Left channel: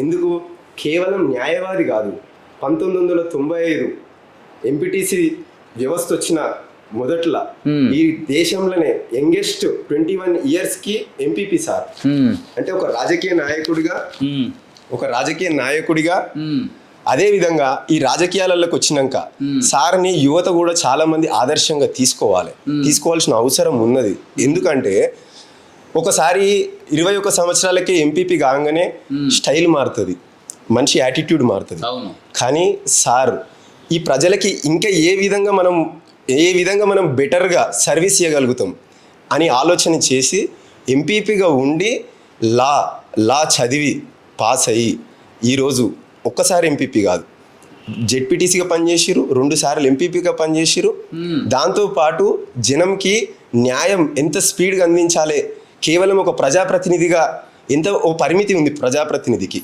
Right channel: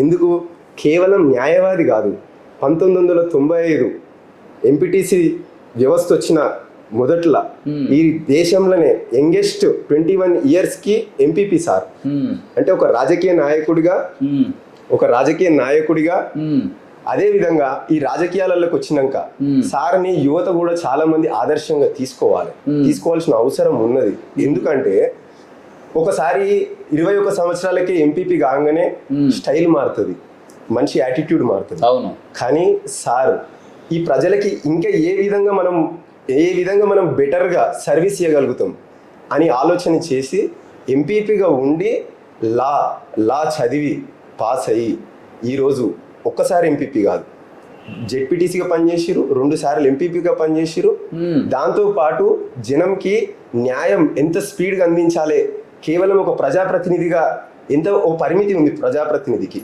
ఎందుకు కేవలం న్యాయవాది కాదు, 1995 ఎంపీటీసీ వ్యవస్థ వచ్చిన మొదట్లో ఈ దేశంలోనే యంగెస్ట్ 21 ఇయర్స్కి ఎంపీపీ సార్. అంటే ఒక రాజకీయ నాయకుడిగా అదే విధంగా ఈ రాజకీయాలలోకి వచ్చినాక సార్ని యువత కూడా చాలా మంది ఆదర్శంగా తీసుకోవాల్సిన అవసరం ఉన్నది. ఎందుకంటే ఒకసారి 21 సంవత్సరాలకే ఎంపీపీ కాగానే స్టైల్ మారుతుంది, మంచి యాటిట్యూడ్ మారుతుంది. కానీ సార్ ఈ ప్రజలకి ఇంకా ఏ విధంగా మనం బెటర్గా సర్వీస్ చేయగలుగుతాం అని ఆలోచన చేసి ఎంపీపీగా ఉండి లా చదివి పాస్ అయ్యి ఈరోజు ఒక్కసారి ఎంపీపీ కాదు, జెడ్పీటీసీగా పనిచేసిరు, 2 సార్లు ఎంపీపీగా పనిచేసిరు. దాంతోపాటు జనంకి న్యాయం ఎంత స్పీడ్గా అందించాలి, కేవలం ఒక ప్రజాప్రతినిధిగా ఓ పరిమితి ఉంది ప్రజాప్రతినిధికి.